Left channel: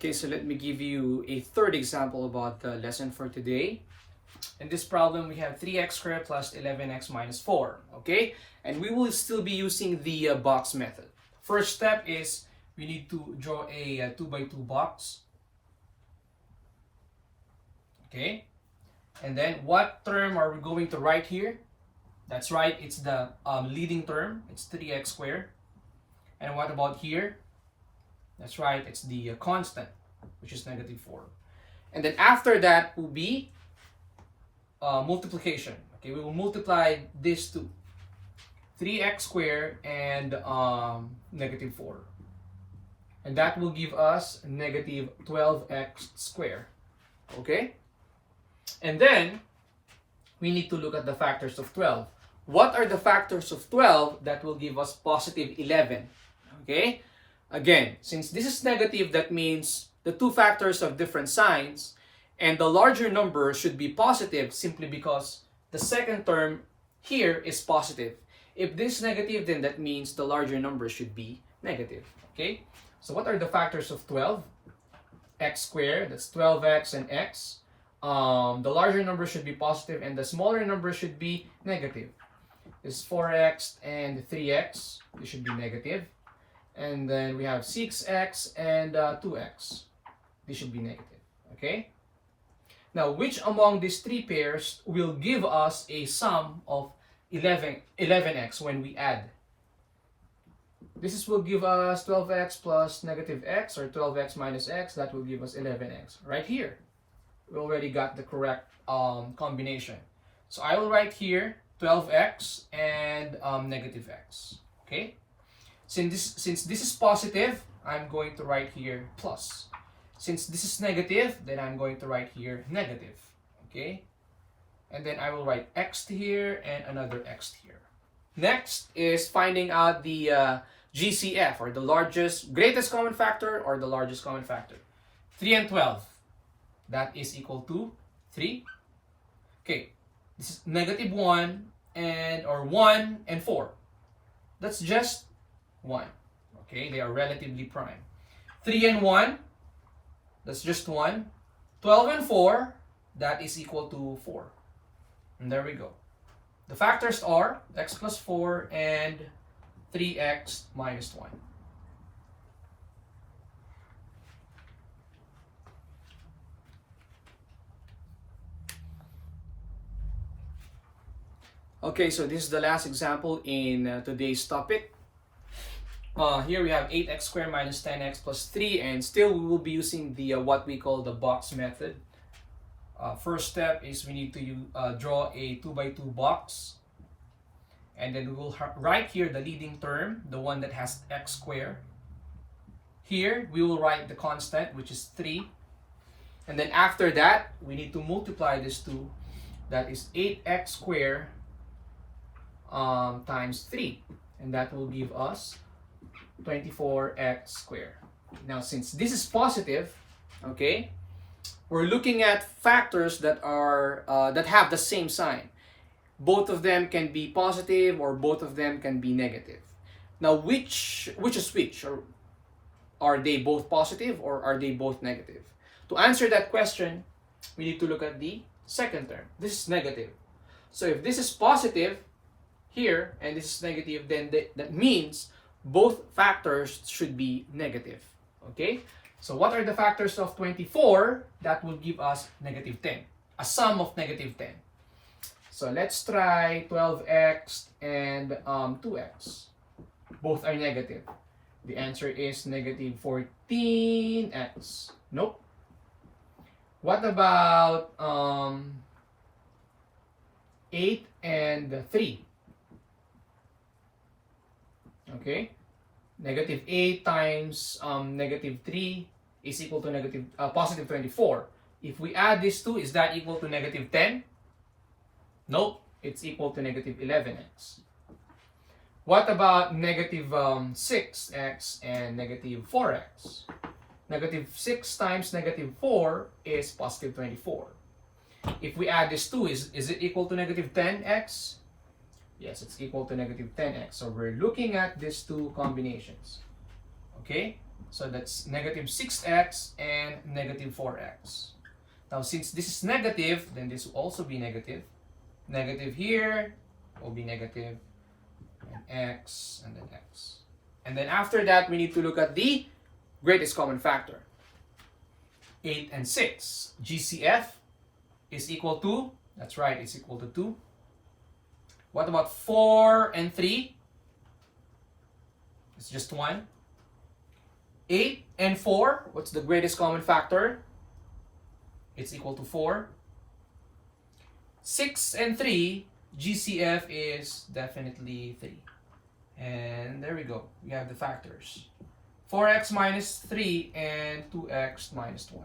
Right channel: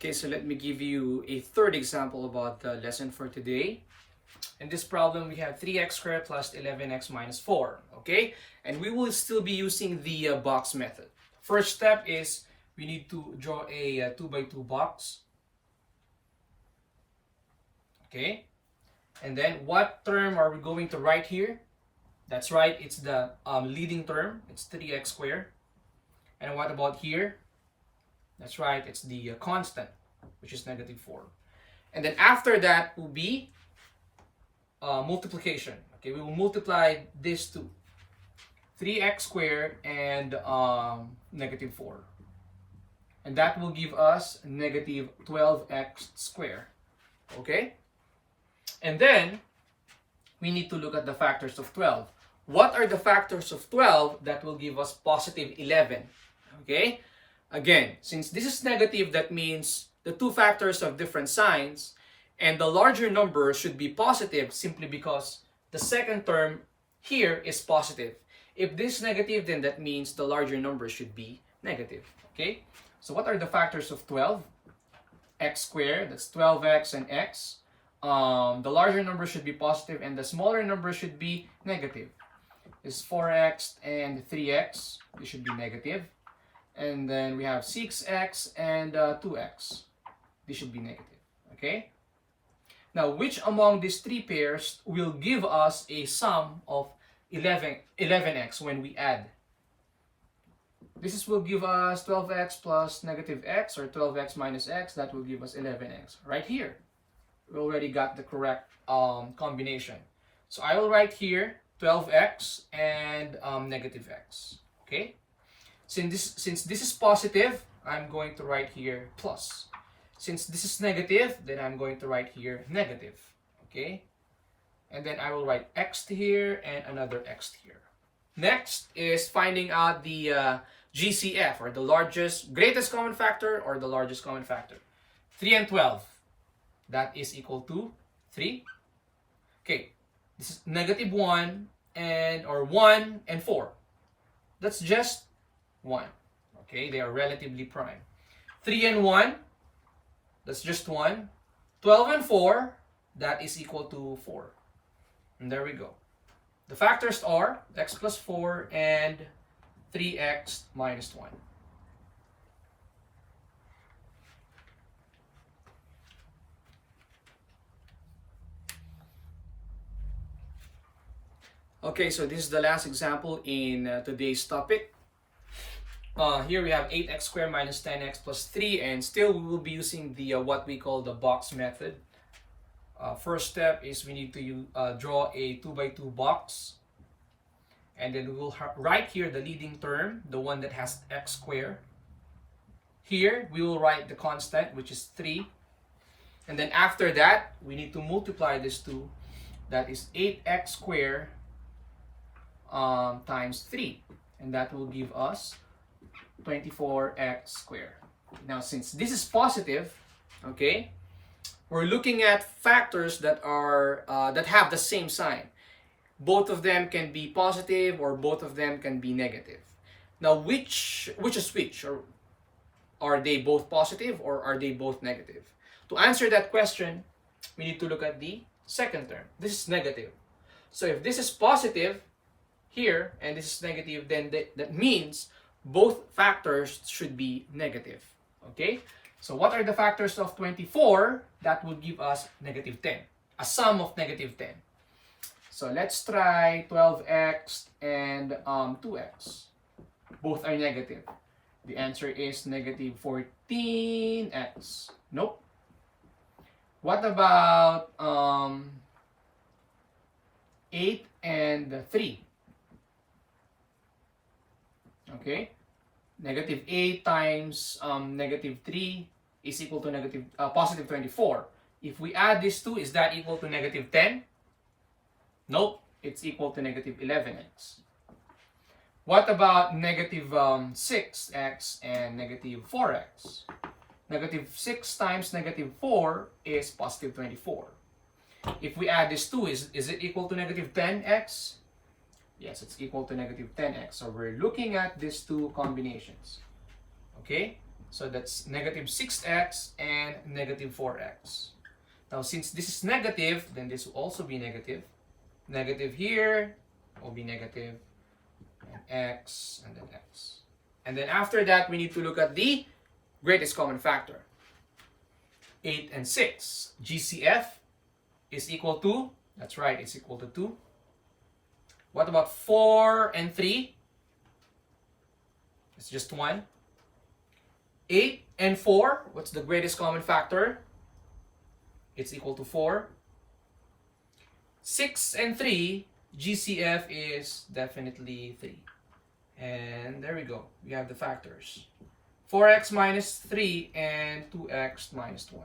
Okay, so let me give you a third example about the lesson for today. In this problem, we have 3x squared plus 11x minus 4, okay? And we will still be using the box method. First step is we need to draw a 2 by 2 box. Okay? And then what term are we going to write here? That's right, it's the leading term. It's 3x squared. And what about here? That's right, it's the constant, which is negative 4. And then after that will be multiplication. Okay, we will multiply this to 3x squared and negative 4. And that will give us negative 12x squared. Okay? And then we need to look at the factors of 12. What are the factors of 12 that will give us positive 11? Okay? Again, since this is negative, that means the two factors have different signs, and the larger number should be positive simply because the second term here is positive. If this is negative, then that means the larger number should be negative. Okay? So what are the factors of 12? X squared, that's 12x and x. The larger number should be positive and the smaller number should be negative. It's 4x and 3x. This should be negative. And then we have 6x and 2x. This should be negative. Okay? Now, which among these three pairs will give us a sum of 11x when we add? This will give us 12x plus negative x, or 12x minus x. That will give us 11x. Right here, we already got the correct combination. So I will write here 12x and negative x. Okay? Since this is positive, I'm going to write here plus. Since this is negative, then I'm going to write here negative. Okay? And then I will write x here and another x here. Next is finding out the GCF, or the greatest common factor, or the largest common factor. 3 and 12. That is equal to 3. Okay, this is negative 1 or 1 and 4. That's just 1. Okay, they are relatively prime. 3 and 1, that's just 1. 12 and 4, that is equal to 4. And there we go. The factors are x plus 4 and 3x minus 1. Okay, so this is the last example in today's topic. Here we have 8x squared minus 10x plus 3, and still we will be using the what we call the box method. First step is we need to draw a 2 by 2 box. And then we will write here the leading term, the one that has x squared. Here, we will write the constant, which is 3. And then after that, we need to multiply this 2. That is 8x squared times 3. And that will give us 24x squared. Now, since this is positive, okay, we're looking at factors that are that have the same sign. Both of them can be positive or both of them can be negative. Now, which is which? Or are they both positive or are they both negative? To answer that question, we need to look at the second term. This is negative. So if this is positive here and this is negative, then that means both factors should be negative. Okay? So what are the factors of 24? That will give us negative 10. A sum of negative 10. So let's try 12x and 2x. Both are negative. The answer is negative 14x. Nope. What about 8 and 3? Okay. Negative 8 times negative 3 is equal to positive 24. If we add these two, is that equal to negative 10? Nope, it's equal to negative 11x. What about negative 6x and negative 4x? Negative 6 times negative 4 is positive 24. If we add these two, is it equal to negative 10x? Yes, it's equal to negative 10x. So we're looking at these two combinations. Okay? So that's negative 6x and negative 4x. Now, since this is negative, then this will also be negative. Negative here will be negative, and x, and then x. And then after that, we need to look at the greatest common factor. 8 and 6. GCF is equal to, that's right, it's equal to 2. What about 4 and 3? It's just 1. 8 and 4, what's the greatest common factor? It's equal to 4. 6 and 3, GCF is definitely 3. And there we go, we have the factors. 4x minus 3 and 2x minus 1.